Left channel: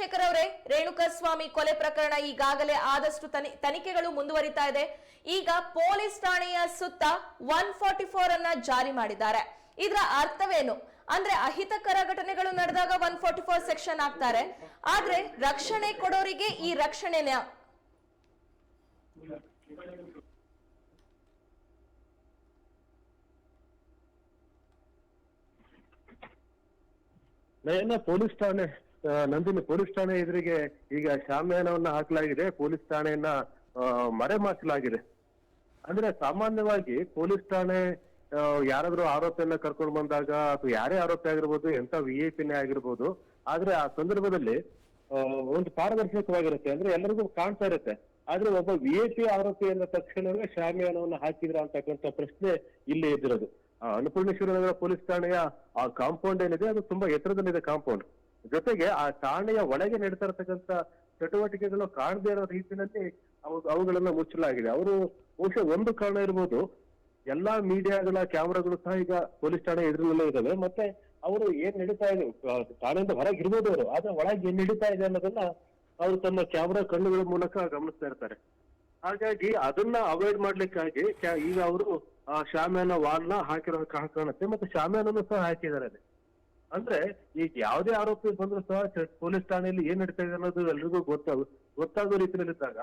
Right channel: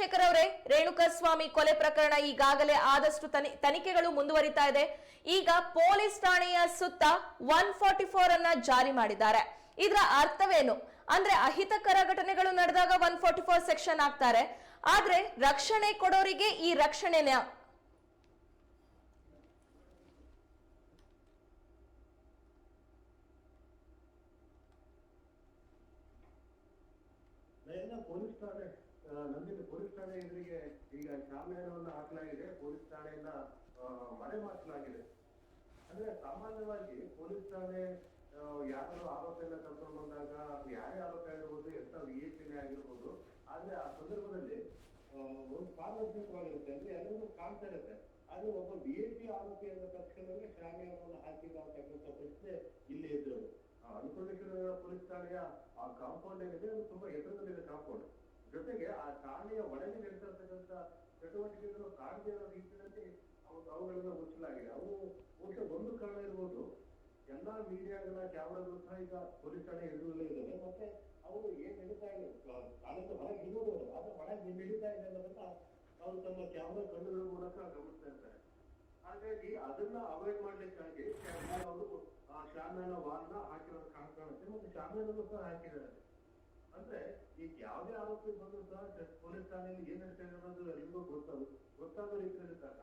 ಚಂದ್ರಶೇಖರ್ ಅವರೇ ರೇಣುಕಸ್ವಾಮಿ ಕೊಲೆ ಪ್ರಕರಣ ಈಗಾಗಲೇ ಆದಷ್ಟು ತನಿಖೆಗಳು ಮುಂದುವರಿತಾ ಇದೆ. ಈಗ ಪೊಲೀಸ್ ಠಾಣೆಯ ಸುತ್ತ ಒನ್ ಫಾರ್ಟಿ ಫೋರ್ ಅನ್ನ ಜಾರಿ ಮಾಡಿದ್ದಾರೆ. ಇದರ ಅರ್ಥವೇನು? ಅಂದ್ರೆ ಅಹಿತಕರ ಘಟನೆಗಳು ನಡೆದಾಗ ಒನ್ ಫಾರ್ಟಿ ಫೋರ್ ಸೆಕ್ಷನ್ ಆಗ್ತಾರೆ. ಆದ್ರೆ ರಕ್ಷಣೆ ಕೊಡೋರಿಗೆ ಈ ರಕ್ಷಣೆನ ಪೊಲೀಸ್ ಠಾಣೆ ನಂದಿನಿ ಪೊಲೀಸ್ ಠಾಣೆ ಎದುರಿಗೆ ಈಗ ಶಾಮಿಯಾನವನ್ನ ಹಾಕಲಾಗಿದೆ. ಪೊಲೀಸ್ ಠಾಣೆಯನ್ನ ಮರೆಮಾಚಲಾಗಿದೆ. ಅಂದ್ರೆ ಸಾಮಾನ್ಯವಾಗಿ ಪೊಲೀಸ್ ಠಾಣೆ ಯಾರಾದ್ರೂ ಆರೋಪಿಯನ್ನ ಕರ್ಕೊಂಡು ಬಂದಾಗ ಅಥವಾ ಯಾರೇ ಆರೋಪಿ ಆಗಿರ್ಬೋದು ಎಂತ ವಿ ಐ ಪಿನೇ ಆಗಿರ್ಬೋದು, ಆದ್ರೆ ಆ ಸಂದರ್ಭದಲ್ಲಿ ಒಂದು ಪಾರದರ್ಶಕವಾಗಿರುತ್ತೆ. ಅಂದ್ರೆ ಎಲ್ಲರಿಗೂ ಕಾಣ್ತಾ ಇರುತ್ತೆ. ಆದ್ರೆ ಒಬ್ಬ ವಿ ಐ ಪಿ ಆರೋಪಿ ಅಂದ ತಕ್ಷಣವೇ ಶಾಮಿಯಾನವನ್ನ ಹಾಕಿದ್ರ ಅಂತಕ್ಕಂಥ ಪ್ರಶ್ನೆ ಇಲ್ಲಿ ಎದ್ದಿರೋದು. ಅನ್ನಪೂರ್ಣೇಶ್ವರ ನಗರ ಪೊಲೀಸ್ ಠಾಣೆಯ ಆ ಕಾಂಪೌಂಡ್ ಏನಿದೆ, ಅದು ತುಂಬಾ ಎತ್ತರದಲ್ಲಿದೆ ಕಾಂಪೌಂಡ್. ಜೊತೆಗೆ ಆ ಠಾಣೆಯ ಒಳಗೆ ನಡೀತಾ ಚಟುವಟಿಕೆಗಳು ಕಾಣದೇ ಇರೋ ರೀತಿಯಲ್ಲಿ ಅವು- ಅವುಗಳನ್ನ ಮುಚ್ಚಲಾಗಿದೆ. ಅವರು ಬಹುಶಃ ಒಂದು ಕಾರಣ ಇರ್ಬೋದು. ಎಲ್ಲಾ ಮೀಡಿಯಾಗಳ ಕ್ಯಾಮ್ರಾಗಳು ಸಹ ಈಗ ಪೊಲೀಸ್ ಠಾಣೆ ಎದುರಿನಲ್ಲೇ ಇದಾವೆ ಮತ್ತೆ ಅವರು ಏನ್ ನಡೀತಾ ಇದೆ? ಠಾಣೆಯಿಂದ ಹೊರಗೆ ಇರ್ಬೋದು ಅವರು. ಆದ್ರೆ ಒಳಗೆ ಏನ್ ನಡೀತಾ ಇದೆ ಅನ್ನೋದನ್ನ ಅವರು ತಮ್ಮ ಕ್ಯಾಮ್ರಾ ಕಣ್ಣುಗಳ ಮೂಲಕ ಗಮನಿಸ್ತಾ ಇರ್ತಾರೆ. ಹಾಗಾಗಿ ಅದನ್ನ ಅವಾಯ್ಡ್ ಮಾಡ್ಲಿಕ್ಕಾಗಿ ಈಗ ಅವರು, ಆ ಶಾಮಿಯಾನ ವಾಲ್ನ ಹಾಕಿರೋ ಕಾಣುತ್ತೆ ಮತ್ತೆ ಶಾಮಿಯಾನನ್ನು ಸಹ ಹಾಕಿದ್ದಾರೆ. ಅಂದ್ರೆ ಈಗ ಯಾವುದೇ ಆರೋಪಿ ಬಂದ್ರು ಸಹ ಪೊಲೀಸ್ ಠಾಣೆಯಲ್ಲಿ ಏನ್ ನಡೀತಾ ಇದೆ ಅನ್ನೋದು ಎಲ್ರಿಗೂ ಗೊತ್ತಾಗ ಗೊತ್ತಾಗೋ ರೀತಿಯಲ್ಲಿದ್ದಾಗ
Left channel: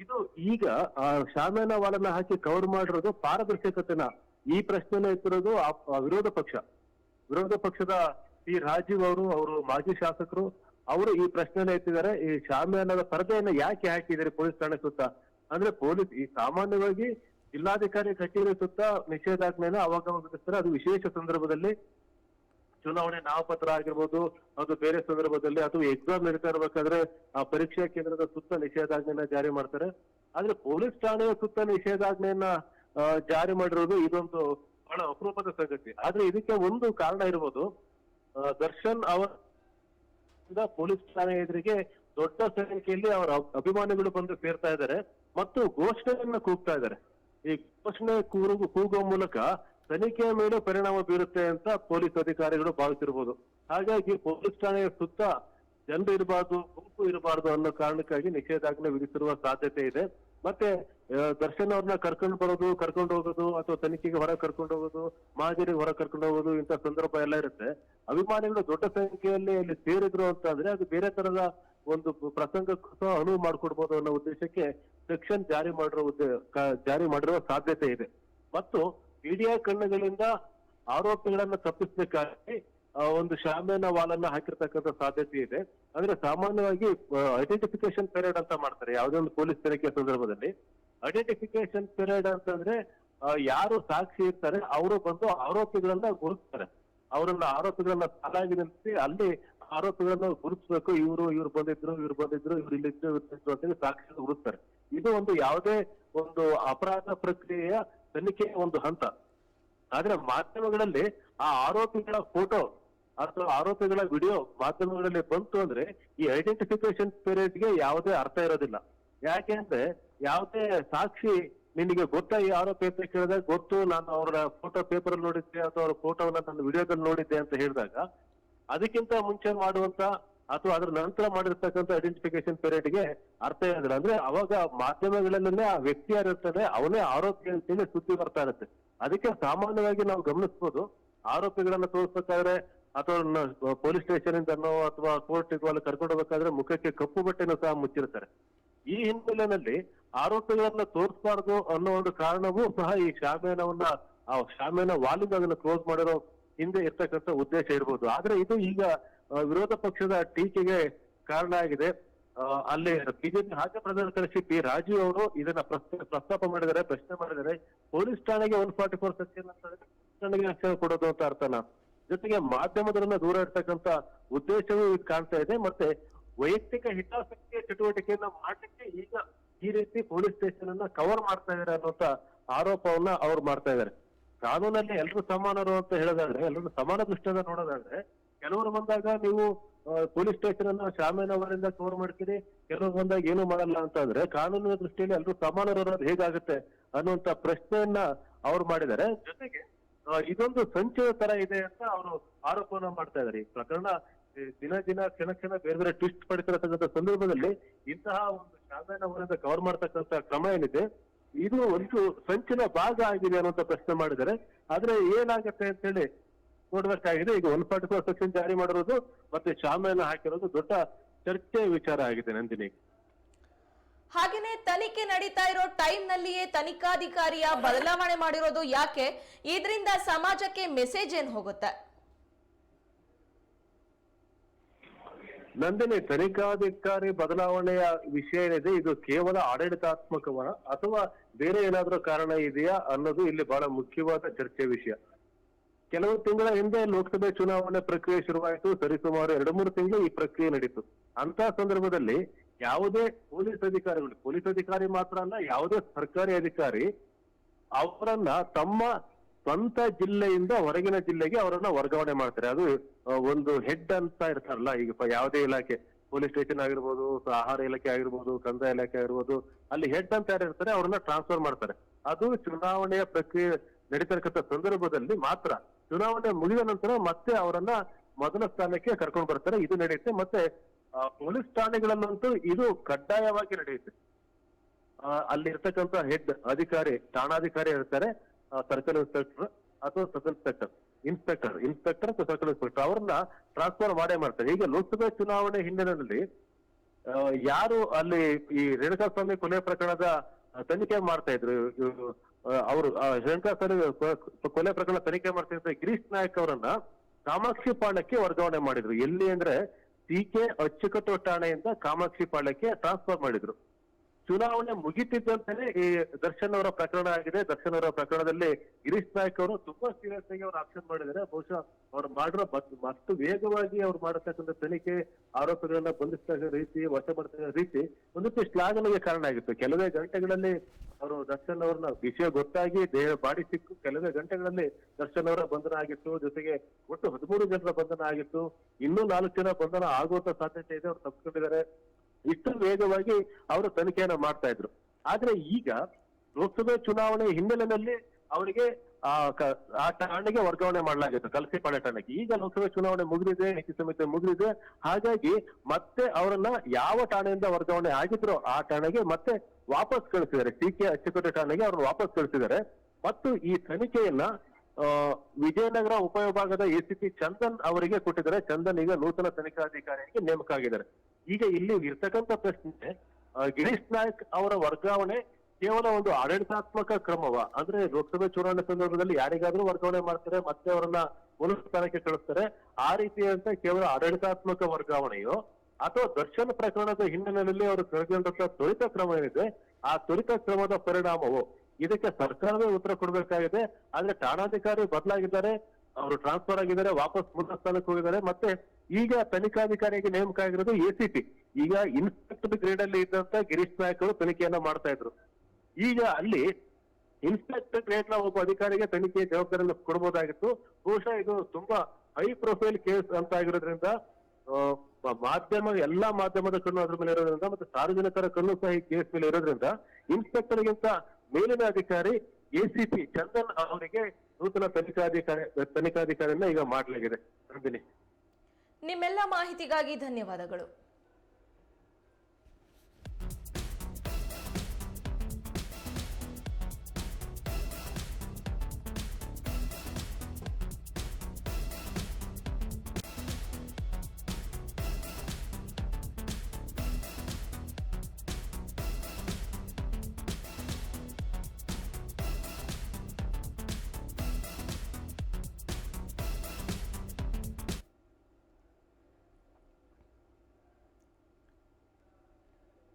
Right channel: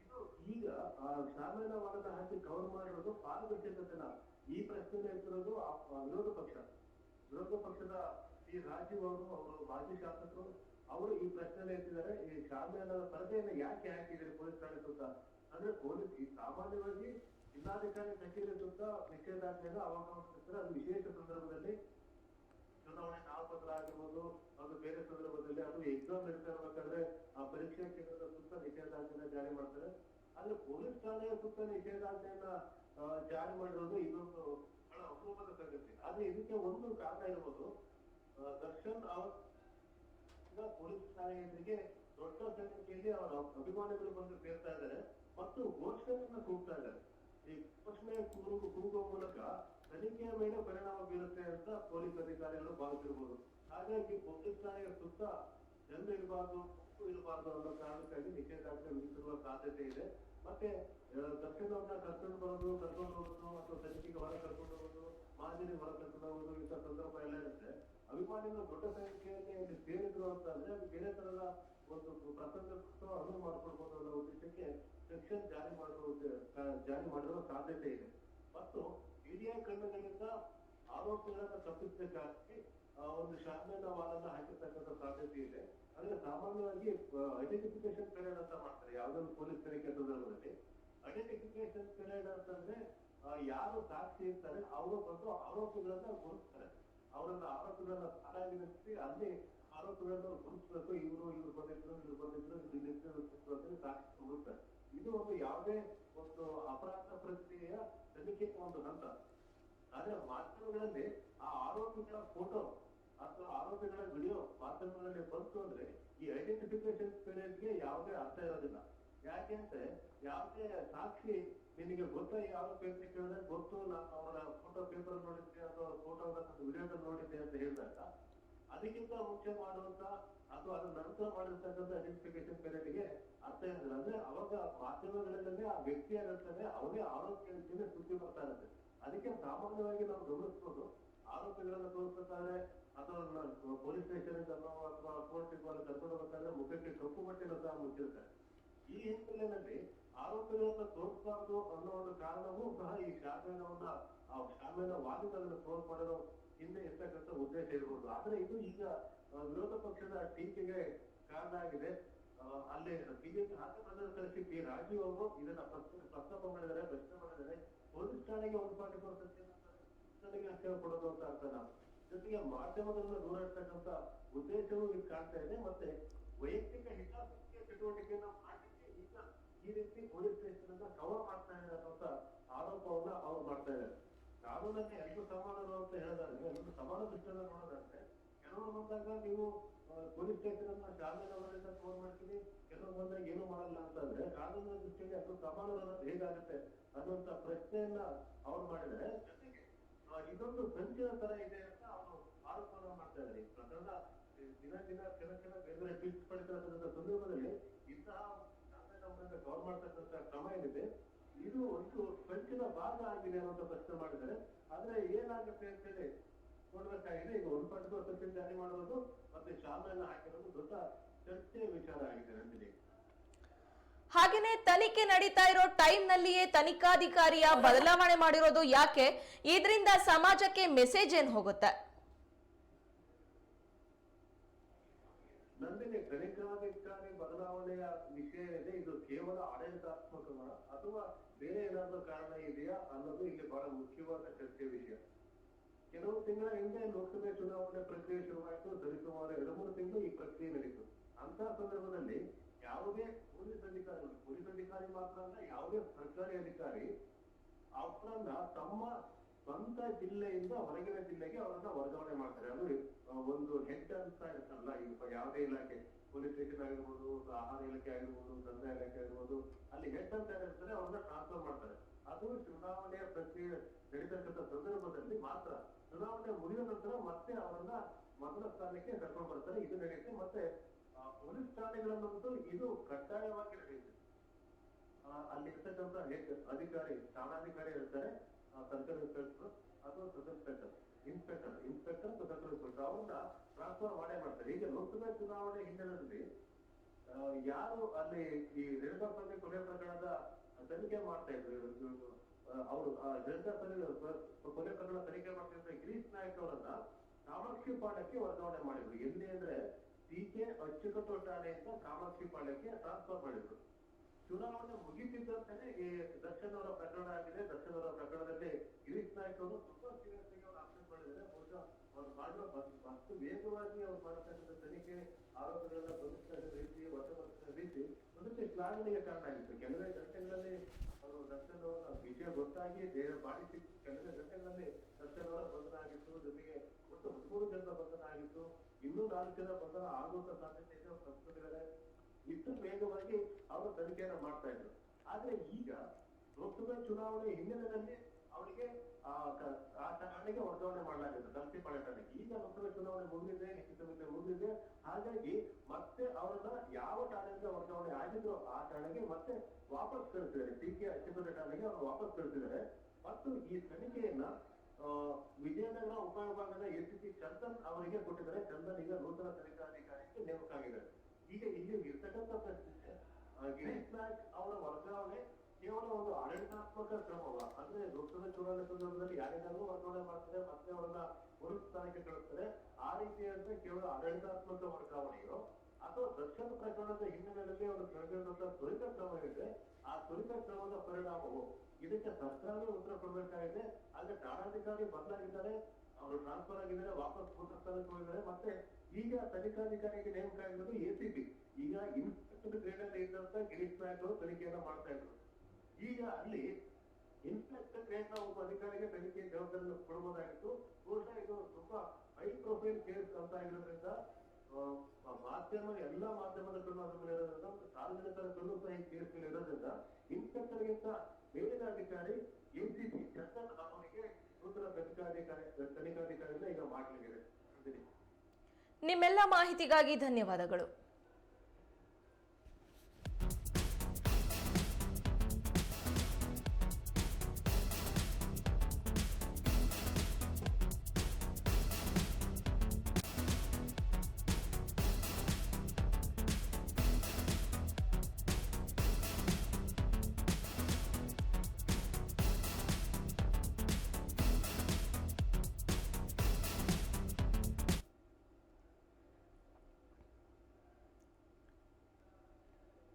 ಇದು ಈಗ ಆ ಶಾಮಿಯಾನ ವಾಲನ್ನ ಹಾಕಿ ಕವರ್ ಮಾಡಿರೋದು ಪಾರದರ್ಶಕತೆನ ಈ ಪ್ರಶ್ನೆನ ಎತ್ತಿರೋದು ಆ ವಿರೋಧ ಪಕ್ಷ. ವಿರೋಧ ಪಕ್ಷದ ಪಿ ರಾಜೀವ್ ಅವರು ಅವರು ಮಾಜಿ ಶಾಸಕರು, ಅವರು ಈ ಪ್ರಶ್ನೆನ ಎತ್ತಿದ್ದಾರೆ. ಈ ಶಾಮಿಯಾನದ ಪರದೆಯನ್ನ ಯಾಕೆ ಹಾಕಿದ್ದಾರೆ ಪೊಲೀಸ್ ಠಾಣೆ ಸುತ್ತ? ಅಂದ್ರೆ ಪೊಲೀಸ್ ಈ ಸಾಮಾನ್ಯವಾಗಿ ಜಿಲ್ಲಾಧಿಕಾರಿ ಕಚೇರಿ ಸುತ್ತ ನಿಷೇಧಾಜ್ಞೆನ ಅವಾಗ ಅದು ವಿಶೇಷ ಸಂದರ್ಭದಲ್ಲಿ ಚುನಾವಣೆ ನಾಮಪತ್ರ ಆಗಿರ್ಬೋದು ಅದು ಬೇರೆ ಸಂದರ್ಭದಲ್ಲಿ ಅಥವಾ ಎಕ್ಸಾಮ್ ನಡೀತಾ ಇರ್ಬೇಕಾದ್ರೆ ಆ ಪರೀಕ್ಷಾ ಕೇಂದ್ರದ ಸುತ್ತ ನಿಷೇಧಾಜ್ಞೆಯನ್ನ ಜಾರಿ ಮಾಡ್ತಾರೆ. ಆದ್ರೆ ಪೊಲೀಸ್ ಠಾಣೆಯ ಸುತ್ತ ನಿಷೇಧಾಜ್ಞೆಯನ್ನ ಜಾರಿ ಮಾಡಿರೋದು ಇದೊಂದು ಬಹಳ ಅಪರೂಪದ ಸಂಗತಿ. ಆದ್ರೆ ಇದಕ್ಕೆ ಒಂದು ಕಾರಣ ಇರ್ಬೋದು. ದರ್ಶನ್ ಅವರ ಪೊಲೀಸ್ ಠಾಣೆ ಎದುರಿಗೆ ದೊಡ್ಡ ಸಂಖ್ಯೆಯಲ್ಲಿ ಅವರ ಅಭಿಮಾನಿಗಳು ಬಂದು ಸೇರ್ತಾ ಇದ್ದಾರೆ. ಮತ್ತು ಘೋಷಣೆಯನ್ನ ಕೂಗ್ತಾ ಇದ್ದಾರೆ. ಈ ಘೋಷಣೆ ಕೂಗುವ ಮೂಲಕ ತನಿಖೆಯ ಮೇಲೆ ಪರಿಣಾಮ ಬೀರುತ್ತೆ ಅಂತ ಪೊಲೀಸ್ ಅಧಿಕಾರಿಗಳು ಭಾವಿಸಿರ್ಬೋದು. ಹಾಗಾಗಿ ಪೊಲೀಸ್ ಠಾಣೆಯ ಸುತ್ತ ಜನರು ಇರಬಾರ್ದು, ಗುಂಪು ಇರಬಾರ್ದು ಅನ್ನೋ ಕಾರಣಕ್ಕಾಗಿ ನಿಷೇಧಾಜ್ಞೆ ವಿಧಿಸಿರುವ ಸಾಧ್ಯತೆ ಇದೆ. ಮತ್ತೆ ದರ್ಶನ್ ಅವ್ರನ್ನ ಕರ್ಕೊಂಡು ಬರೋದು, ಕರ್ಕೊಂಡು ಹೋಗೋದು, ಅಥವಾ ತನಿಖೆಗೆ ಹೊರ ಕರ್ಕೊಂಡು ಹೋಗೋದು ಮಹಾಜರಿಗೆ ಹೊರ ಕರ್ಕೊಂಡು ಹೋಗೋದು, ಇಂಥ ಸಂದರ್ಭ ಎಲ್ಲ ಇರುತ್ತೆ. ಅಭಿಮಾನಿಗಳು ದೊಡ್ಡ ಸಂಖ್ಯೆಯಲ್ಲಿ ಅಲ್ಲಿ ಸೇರಿದ್ರು ಅಂತ ಅಂದ್ರೆ ಅದು ಬೇರೆ ತರದ ಒಂದು ಪ್ರಸಂಗಕ್ಕೂ ಸಹ ಅನುವು ಮಾಡ್ಕೊಡ್ಬೋದು ಅನ್ನೋ ಉದ್ದೇಶಕ್ಕೆ ಸೆಕ್ಷನ್ ಜಾರಿ ಮಾಡಿರೋ ಜಾರಿ ಮಾಡಿರುವ ಸಾಧ್ಯತೆ ಇದೆ. ಮತ್ತು ಮೀಡಿಯಾ ಕಣ್ಣುಗಳಿಂದ ಆರೋಪಿಗಳನ್ನ ತಪ್ಪಿಸ್ಬೇಕಾಗಿ ಒಂದು ಶಾಮಿಯಾನ ವಾಲನ್ನ ಹಾಕಿರ್ತಕ್ಕಂಥ ಸಾಧ್ಯತೆ ಇದೆ. ಅಂದ್ರೆ ಸಾಮಾನ್ಯವಾಗಿ ಐಡೆಂಟಿಫಿಕೇಶನ್ ಪೀರಿಯಡ್ ಅಂತ ಮಾಡ್ತಾರೆ, ಯಾವುದೇ ಒಂದು ಪೊಲೀಸ್ ತನಿಖೆ ಸಂದರ್ಭದಲ್ಲಿ. ಐಡೆಂಟಿಫಿಕೇಶನ್ ಪೀರಿಯಡ್ ಅಂತಂದ್ರೆ ಯಾರು ಸಾಕ್ಷಿ ಇರ್ತಾರೆ, ಅವರು ಬಂದು ಆರೋಪಿಗಳನ್ನ ಗುರುತಿಸ್ತಾರೆ. ಅವರನ್ನ ಆರೋಪಿಗಳನ್ನ ಸಾಲಾಗಿ ನಿಲ್ಲಿಸಿ, ಅಲ್ಲಿ ಆರೋಪಿಗಳನ್ನ ಗುರುತಿಸ್ಬೇಕು, ಇವರು, ಇವ್ರು ಬಂದಿದ್ರು ಇವ್ರು ಬಂದಿದ್ರು, ಇವ್ರು ಇಲ್ಲಿದ್ರು ಇವ್ರು ಅಂತ ಸಾಕ್ಷಿ ಗುರುತಿಸ್ತಾರೆ. ಇದು ಒಂದು ಯಾವುದೇ ಒಂದು ಅಪರಾಧ ಪ್ರಕ್ರಿಯೆಯ ತನಿಖೆಯ ಒಂದು ಹಂತ. ಆದ್ರೆ ಮಾಧ್ಯಮಗಳಲ್ಲಿ ಆ ಆರೋಪಿಗಳ ಫೋಟೋ ಅಥವಾ ಆರೋಪಿಗಳ ವಿಡಿಯೋ ಮಾಧ್ಯಮಗಳಲ್ಲಿ ಬಂತು ಅಂದ್ರೆ ಈ ಐಡೆಂಟಿಫಿಕೇಶನ್ಗೆ ಯಾವುದೇ ಅರ್ಥ ಇರೋದಿಲ್ಲ. ಯಾಕೆ ಅಂದ್ರೆ ಯಾವುದೇ ಸಾಕ್ಷಿ ನಿನಗೆ ಗೊತ್ತಾ ಈ ಆರೋಪಿ ಅಂತ ಕೇಳಿದಾಗ ಗೊತ್ತು, ನಾನು ಅವರ ಫೋಟೋ ಪೇಪರ್ ನೋಡಿದ್ದೆ ಅಥವಾ ಅವರ ಫೋಟೋವನ್ನ ನನ್ನ ವಿಡಿಯೋದಲ್ಲಿ ನೋಡಿದ್ದೆ ಅಂತ ಹೇಳಿದಾಗ, ಅದಕ್ಕಿಂತ ಮುಂಚೆ ಮಾಡುವಂತ ಅಥವಾ ಅದ್ರ ನಂತರ ಮಾಡಿರ್ತಕ್ಕಂಥ ಐಡೆಂಟಿಫಿಕೇಶನ್ಗೆ ಅರ್ಥ ಏನಿಲ್ಲ. ಅಂದ್ರೆ ಅವಾಗ ಮಾಧ್ಯಮಗಳಲ್ಲೇ ಆ ವ್ಯಕ್ತಿ ಯಾರಿರ್ತಾನೆ, ಅವನೇ ಆರೋಪಿ ಅಂತೇಳಿ ಸುದ್ದಿ ಬರ್ತಾ ಇರುತ್ತೆ. ಅದಕ್ಕೆ ಸಾಮಾನ್ಯವಾಗಿ ನಾವು ಗಮನಿಸ್ಬೋದು, ಆರೋಪಿಗಳನ್ನ ತೋರಿಸ್ಬೇಕಾದ್ರೆ ಅಥವಾ ಪೊಲೀಸ್ ಸ್ಟೇಷನ್ ಇಂದನೋ ಅಥವಾ ಕೋರ್ಟ್ ಅಲ್ಲಿ ಕರ್ಕೊಂಡು ಹೋಗ್ಬೇಕಾದ್ರೆ ಮುಖಕ್ಕೆ ಕಪ್ಪು ಬಟ್ಟೆನ ಸಹ ಮುಚ್ಚಿರ್ತಾರೆ. ಈ ಹಿನ್ನೆಲೆಯಲ್ಲಿ ಆರೋಪಿಗಳನ್ನ ತೋರಿಸಬಾರ್ದು ಅನ್ನೋ ಒಂದು ಕಾರಣವೂ ಸಹ ಈ ಶಾಮಿಯಾನವನ್ನ ಆ ಶಾಮಿಯಾನ ವಾಲಿಗೆ ಕ್ಲೋಸ್ ಮಾಡಿರೋ ಹಿಂದೆ ಇರ್ತಕ್ಕಂಥ ಉದ್ದೇಶ ಇರ್ಬೋದು. ಆದ್ರೆ ಇದು ಈಗ ವಿರೋಧ ಪಕ್ಷದ ಟೀಕೆಗೆ ಕಾರಣ ಆಗಿದೆ. ಅಲ್ಲಿ ಬಿಜೆಪಿ ರಾಜ್ಯ ಪ್ರಧಾನ ಕಾರ್ಯದರ್ಶಿ ಪಿ ರಾಜೀವ್ ಅವರು ಇದನ್ನ ಪ್ರಸ್ತ- ಪ್ರಸ್ತಾಪ ಮಾಡಿದ್ದಾರೆ, ಪ್ರಶ್ನೆ ಮಾಡಿದ್ದಾರೆ. ಪೊಲೀಸ್ ಠಾಣೆಗೆ ಒನ್ ಫಾರ್ಟಿ ಫೋರ್ ಸೆಕ್ಷನ್ ಠಾಣೆಗೆ ಅಕ್ಷರ ಕೊಡೋದು ಅಂತ ಅರ್ಥನ? ಜೊತೆಗೆ ಮಾಧ್ಯಮದನ್ನ ದೂರ ಇರ್ತಕ್ಕಂಥ ಉದ್ದೇಶವೂ ಇದು ಕಾಣ್ತಾ ಇದೆ. ಮತ್ತೆ ವೈಯಕ್ತಿಕ ಹಿತಾಸಕ್ತಿಯ ಚಟುವಟಿಕೆಯನ್ನ ಮಾಡಲಿಕ್ಕೆ ಈಗ ಈ ರೀತಿ ಪೊಲೀಸ್ ಸ್ಟೇಷನ್ ಅನ್ನ ಕವರ್ ಮಾಡ್ತಾ ಇದ್ದಾರೆ ಅನ್ನೋಂತ ಆರೋಪವನ್ನ ಅವ್ರು ಮಾಡ್ತಾ ಇದ್ದಾರೆ ಕಾನೂನಲ್ಲಿ ಎಲ್ಲರೂ ಸಮಾನರು ಅಂತ ಹೇಳೋದಾದ್ರೆ ಎಲ್ಲರೂ ಸಮಾನ ದೃಷ್ಟಿಯಿಂದ ನೋಡೋದಾದ್ರೆ ಕೆಲವರು ಬಂದಾಗ ನೀವು ಪೊಲೀಸ್ ಸ್ಟೇಷನ್ ಅನ್ನ ಶಾಮಿಯಾನ ಅವರಿಂದ ಕವರ್ ಮಾಡ್ತೀರಿ, ಕೆಲವರು ಬಂದಾಗ ಏನು ಮಾಡಲ್ಲ ಅಂತ ಅಂದ್ರೆ ಕಾನೂನಿನ ದೃಷ್ಟಿಯಲ್ಲಿ ಎಲ್ಲರೂ ಸಮಾನರು ಅನ್ನೋದು ಹೇಗಾಗುತ್ತೆ ಅನ್ನುವಂತ ಪ್ರಶ್ನೆಯನ್ನ ಅವ್ರು ಮಾಡಿದ್ದಾರೆ. ಜೊತೆಗೆ ಇದೊಂದು ಸಂಚಯ ತರ ಇದೆ ಅಂತ ಅವರು ಆರೋಪವನ್ನ ಮಾಡ್ತಾ ಇದ್ದಾರೆ ಈ ಪ್ರಕರಣ ದಿನ ದಿನ ಕ್ಷಣ ಕ್ಷಣ ಬೇರೆ ಬೇರೆ ಟ್ವಿಸ್ಟ್ ಪಡಿತಿರತಕ್ಕಂಥ ಸಂದರ್ಭದಲ್ಲಿ ಇಂತಹ ಒಂದು ಶಾಲೆನ ಅವರಿಂದ ಕವರ್ ಮಾಡ್ತಕ್ಕಂಥ ಕ್ರಮ ಏನಿದೆ, ಇದು ಒಂದು ಸಂಚಿನ ಭಾಗ ಆಗಿದೆ ಅನ್ನುವಂತ ಪ್ರಶ್ನೆ ಮಾಡಿದರೆ ಆದ್ರೆ ಏನಾಗತ್ತೆ ಅಂತ ಹೇಳಿ ನೋಡ್ಬೇಕಾಗಿದೆ ಈಗ ಒನ್ ಫಾರ್ಟಿ ಫೋರ್ ಸೆಕ್ಷನ್ ಜಾರಿ ಮಾಡಿರೋದು ಮತ್ತೆ ಶಾಮೆಯನ್ನು ಹಾಕಿರೋದು ದೊಡ್ಡ ಚರ್ಚೆ ವಿಚಾರ ಆಗಿದೆ ನಂದಿನಿ. ಹಾಗೇನೆ ತನಿಖೆ ನಡೀತಾ ಇರೋ ಟೈಮ್ ನಲ್ಲಿಯೇ ತನಿಖಾಧಿಕಾರಿಯ ಬದಲಾವಣೆ ಮಾಡಿರೋದು ಯಾಕೆ? ಇದರಿಂದ ಸಮಾಜಕ್ಕೆ ಮೆಸೇಜ್ ಏನ್ ಹೋಗುತ್ತೆ? ನಂದಿನಿ ತನಿಖಾಧಿಕಾರಿ ಬದಲಾವಣೆಯ ವಿಷಯ ಏನಿದೆ? ಇದು ಕೇವಲ ಆಡಳಿತಾತ್ಮಕವ ಅಥವಾ ಬೇರೆ ಏನಾದ್ರೂ ಕಾರಣ ಇದೆಯಾ ಅನ್ನೋದು ಇಲ್ಲಿ ಬಹಳ ಮುಖ್ಯವಾದ ಚರ್ಚೆ ವಿಷಯ. ಕೆಲವು ತಿಂಗಳ ಹಿಂದೆ ಲೋಕಸಭೆ ಚುನಾವಣೆ ಪ್ರಕ್ರಿಯೆ ಶುರುವಾಯಿತು. ಸರಿಸುಮಾರು ಎರಡು ಮೂರು ತಿಂಗಳು ಈ ಪ್ರಕ್ರಿಯೆ ನಡೀತು. ಅಂತ ಸಂದರ್ಭದಲ್ಲಿ ಯಾವುದೇ ಪೊಲೀಸ್ ಅಧಿಕಾರಿಗಳು, ಪೊಲೀಸ್ ಅಧಿಕಾರಿ ಮಾತ್ರ ಅಲ್ಲ, ಯಾವುದೇ ಸರ್ಕಾರಿ ಅಧಿಕಾರಿ ಅವರನ್ನ ತಮ್ಮ ಸ್ವಂತ ಜಿಲ್ಲೆಯಿಂದ ಹೊರಗಿನ ಜಿಲ್ಲೆಗೆ ಅವರನ್ನ ವರ್ಗಾವಣೆ ಮಾಡ್ತಾರೆ. ಅದು ಒಂದು ಹೆಡ್ ಅಂತ ಇರ್ತಾರಲ್ಲ, ಈಗ ಯಾವುದೇ ಇಲಾಖೆ, ಪೊಲೀಸ್ ಸ್ಟೇಷನ್ ಆಗಿರ್ಬೋದು, ಆಹಾರ ಇಲಾಖೆ ಆಗಿರ್ಬೋದು, ಕಂದಾಯ ಇಲಾಖೆ ಆಗಿರ್ಬೋದು, ಅಲ್ಲಿ ಹೆಡ್ ಅಂತ ಯಾರು ಇರ್ತಾರೆ, ಅವ್ರನ್ನ ಟ್ರಾನ್ಸ್ಫರ್ ಮಾಡ್ತಾರೆ. ಅದು ಚುನಾವಣೆಯ ಪ್ರಕ್ರಿಯೆ ನಡೀತಕ್ಕಂಥ ಸಂದರ್ಭದಲ್ಲಿ ಮಾತ್ರ. ಚುನಾವಣೆ ಮುಗಿದ ನಂತರ ಮತ್ತೆ ಅವರನ್ನ ಮೊದಲ ಸ್ಥಾನಕ್ಕೆ ಕರ್ಕೊಂಡು ಬರ್ತಾರೆ. ಇದು ನಡೆಯುತ್ತೆ. ಮತ್ತೆ ಪೊಲೀಸ್ ಠಾಣೆಗಳಲ್ಲಂತೂ ಇದು ಕಡ್ಡಾಯವಾಗಿ ನಡೆಯುತ್ತೆ. ಅಲ್ಲಿ ಇರ್ತಕ್ಕಂಥ ಹೆಡ್ ಅಧಿಕಾರಿ, ಠಾಣಾಧಿಕಾರಿ ಇರ್ತಾರೆ. ಸರ್ಕಲ್ ಇನ್ಸ್ಪೆಕ್ಟರ್ ಅಥವಾ ಸಬ್ ಇನ್ಸ್ಪೆಕ್ಟರ್. ಇನ್ಸ್ಪೆಕ್ಟರ್ ಇನ್ಸ್ಪೆಕ್ಟರ್ ಅಥವಾ ಸರ್ಕಲ್ ಇನ್ಸ್ಪೆಕ್ಟರ್ ಅವ್ರನ್ನ ಟ್ರಾನ್ಸ್ಫರ್ ಮಾಡೇ ಮಾಡ್ತಾರೆ. ಈಗ ಲೋಕಸಭೆ ಚುನಾವಣೆ ಹಿನ್ನೆಲೆಯಲ್ಲಿ ಯಾರು ಅಲ್ಲಿ ಈ ರೇಣುಕಾಸ್ವಾಮಿ ಕೊಲೆ ಪ್ರಕರಣದ ತನಿಖೆ ಮಾಡ್ತಾ ಇದ್ರು. ಅವರು ಶಂಕರ್ ಕೊಲೆ ಪ್ರಕರಣ ತನಿಖೆ ಮಾಡ್ತಾ ಇದ್ದ ಗಿರೀಶ್ ನಾಯಕ್ ಅವರನ್ನ ಕಾಮಾಕ್ಷಿ ಪಾಳ್ಯಕ್ಕೆ ವರ್ಗಾವಣೆ ಮಾಡಿದ್ರು. ಎಲ್ಲಿ ಅಂದ್ರೆ ಸಿ ಕೆ ಅಚ್ಚುಕಟ್ಟು ಠಾಣೆಯಿಂದ ಕಾಮಾಕ್ಷಿ ಪಾಳ್ಯಕ್ಕೆ ಟ್ರಾನ್ಸ್ಫರ್ ಮಾಡಿದ್ರು. ಚುನಾವಣೆ ಮುಗಿತಿದ್ದಂತೆ ಈ ದರ್ಶನ್ ಅವರ ಪ್ರಕರಣ ಆಗಿದೆ. ದರ್ಶನ್ ಅವರ ಪ್ರಕರಣದಲ್ಲಿ ಗಿರೀಶ್ ನಾಯಕ್ ಅವರು ತುಂಬಾ ಸೀರಿಯಸ್ ಆಗಿ ಅವ್ರು ಆಕ್ಷನ್ ಮಾಡಿದ್ದಾರೆ. ಬಹುಶಃ ಅವ್ರು ಮಾಡಿರೋ ಅಷ್ಟು ವೇಗವಾಗಿ ಅವ್ರು ಮಾಡತಕ್ಕಂಥ ತನಿಖೆ ಆರೋಪಿಗಳನ್ನ ಬಂಧಿಸ್ತಕ್ಕ ರೀತಿ ವಶಪಡಿಸಿದ ರೀತಿ ಒಂದಷ್ಟು ಶ್ಲಾಘನೆಗೆ ಕಾರಣ ಆಗಿತ್ತು. ಕೆಲವೇ ಗಂಟೆಗಳಲ್ಲಿ ಅವರು ದರ್ಶನ್ ಅವ್ರನ್ನ ವಿಷಯ ಗೊತ್ತಾಗಿ ದೇಹ ಬಾಡಿ ಸಿಕ್ಕು. ಕೆಲವೇ ಗಂಟೆಗಳಲ್ಲಿ ದರ್ಶನ್ ಅವರ ಬಂಧನ ಆಗಿತ್ತು. ಜೊತೆಗೆ ಒಟ್ಟು ಹದಿಮೂರು ಜನರ ಬಂಧನ ಆಗಿತ್ತು. ಇನ್ನೂ ನಾಲ್ಕು ಜನ ಬಂಧನ ಆಗುವಂತ ಸಾಧ್ಯತೆ ಇದೆ. ಅವ್ರು ತಪ್ಪಿಕೊಂಡಿದ್ದಾರೆ. ಇಷ್ಟು ವೇಗವಾಗಿ ಅವರು ತನಿಖೆಯನ್ನ ಮಾಡ್ತಾ ಇದ್ರು. ಆದ್ರೆ ಈಗ ಲೋಕಸಭೆ ಚುನಾವಣೆ ಹಿನ್ನೆಲೆಯಲ್ಲಿ ಅವರಿಗೆ ಆ ಠಾಣೆಗೆ ವರ್ಗಾವಣೆ ಮಾಡಲಾಗಿತ್ತು ಕಲಸಿಪಾಳೆ ಠಾಣೆಗೆ. ಈಗ ಲೋಕಸಭೆ ಚುನಾವಣೆ ಮುಗಿದಿದೆ, ನೀತಿ ಸಂಹಿತೆ ಮುಗಿದಿದೆ. ಹಾಗಾಗಿ ಮತ್ತೆ ಅವರನ್ನ ಯಾವ ಠಾಣೆಯಿಂದ ವರ್ಗಾವಣೆ ಆಗಿದ್ರು ಆ ಠಾಣೆಗೆ ಮತ್ತೆ ವಾಪಸ್ ಕಳಿಸಿದ್ದಾರೆ. ಟಿ ಕೆ ಅಚ್ಚುಕಟ್ಟು ಠಾಣೆಗೆ ಅವ್ರನ್ನ ವಾಪಸ್ ಕಳಿಸಿದ್ದಾರೆ. ಮತ್ತು ಈ ತನಿಖೆಯನ್ನ ವಿಜಯನಗರ ಉಪವಿಭಾಗದ ಎಸಿಪಿ ಚಂದನ್ ಅವರಿಗೆ ಕೊಟ್ಟಿದ್ದಾರೆ. ಚಂದನ್ ಈಗ ನೂತನ ತನಿಖಾಧಿಕಾರಿಯಾಗಿ ನೇಮಕ ಆಗಿದ್ದಾರೆ. ಈಗ ಇಲ್ಲಿ ಇರ್ತಕ್ಕಂಥ ಪ್ರಶ್ನೆ ಗಿರೀಶ್ ನಾಯಕ್ ಅವರ ವರ್ಗಾವಣೆ ಕೇವಲ ಒಂದು ಆಡಳಿತಾತ್ಮಕ ಕ್ರಮವ? ಅಂದ್ರೆ ಲೋಕಸಭೆ ಚುನಾವಣೆ ಸಂದರ್ಭದಲ್ಲಿ ಯಾರಿಗಾದ್ರೂ ವರ್ಗಾವಣೆ ಮಾಡ್ತಾರೆ, ಮತ್ತೆ ಅವರನ್ನ ಪೊಲೀಸ್ ಸ್ಥಾನಕ್ಕೆ ಕಳಿಸ್ತಾರೆ. ಆ ರೀತಿಯಾದಂತ ಕೇವಲ ಆಡಳಿತಾತ್ಮಕ ವರ್ಗಾವಣೆಯೋ, ಅಥವಾ ದರ್ಶನ ಪ್ರಕರಣದ ಹಿನ್ನೆಲೆಯಲ್ಲಿ ಅವರು ಕೈಗೊಂಡಂತ ತ್ವರಿತ ಕ್ರಮ ಏನಿದೆ, ಆ ತ್ವರಿತ ಕ್ರಮದ ಪರಿಣಾಮವು? ಇದಕ್ಕೆ ಸರ್ಕಾರವೇ ಉತ್ತರ ಕೊಡಬೇಕಾಗಿದೆ, ಆದ್ರೆ ಠಾಣಾಧಿಕಾರಿ ಬದಲಾಗಿದ್ದಾರೆ. ಅವರು ಟ್ರಾನ್ಸ್ಫರ್ ಆಗಿದ್ದಾರೆ, ವಾಪಸ್ ಮೂಲ ಸ್ಥಾನಕ್ಕೆ ಹೋಗಿದ್ದಾರೆ, ಮತ್ತೆ ಈಗ ತನಿಖಾಧಿಕಾರಿಯಾಗಿ ನೇಮಕ ಆಗಿರೋದು ಎಸಿಪಿ ಈಗ ಇನ್ಸ್ಪೆಕ್ಟರ್ ಗ್ರೇಡ್ ಅಲ್ಲಿ ಇದ್ದಂತ ಗಿರೀಶ್ ನಾಯಕ್ ತನಿಖೆಯನ್ನ ಮಾಡ್ತಾ ಇದ್ರು. ಈಗ ಅಲ್ಲಿ ಇನ್ಸ್ಪೆಕ್ಟರ್ ಗ್ರೇಡ್ನ ಒಬ್ಬ ಅಧಿಕಾರಿಗೆ ತನಿಖೆ ಜವಾಬ್ದಾರಿಯನ್ನು ಕೊಡಬಹುದಾಗಿತ್ತು ಬಹುಶಃ ಇದು ತುಂಬಾ ಹೈ ಪ್ರೊಫೈಲ್ ಕೇಸ್ ಅಂತ ಆಗಿರೋದ್ರಿಂದ ಮಾಧ್ಯಮ, ಎಲ್ಲಾ ಮಾಧ್ಯಮದ ಕಣ್ಣು ಅದ್ರ ಮೇಲೆ ಇರೋದ್ರಿಂದ, ಮತ್ತೆ ಸಾರ್ವಜನಿಕರ ಕಣ್ಣು ಸಹ ಈ ಕೇಸ್ ಮೇಲೆ ಇರೋದ್ರಿಂದ ಇನ್ಸ್ಪೆಕ್ಟರ್ಗಿಂತ ಮೇಲಿನ ಅಧಿಕಾರಿ ಎಸಿಪಿ ಚಂದನ್ ಅವರಿಗೆ ನೂತನ ತನಿಖಾಧಿಕಾರಿ ತನಿಖಾಧಿಕಾರಿಯನ್ನ ಈಗ ಮಾಡಲಾಗಿದೆ. ನಂದಿನಿ. ನಿಮ್ಮೆಲ್ಲ ಮಾಹಿತಿಗಾಗಿ ಧನ್ಯವಾದಗಳು.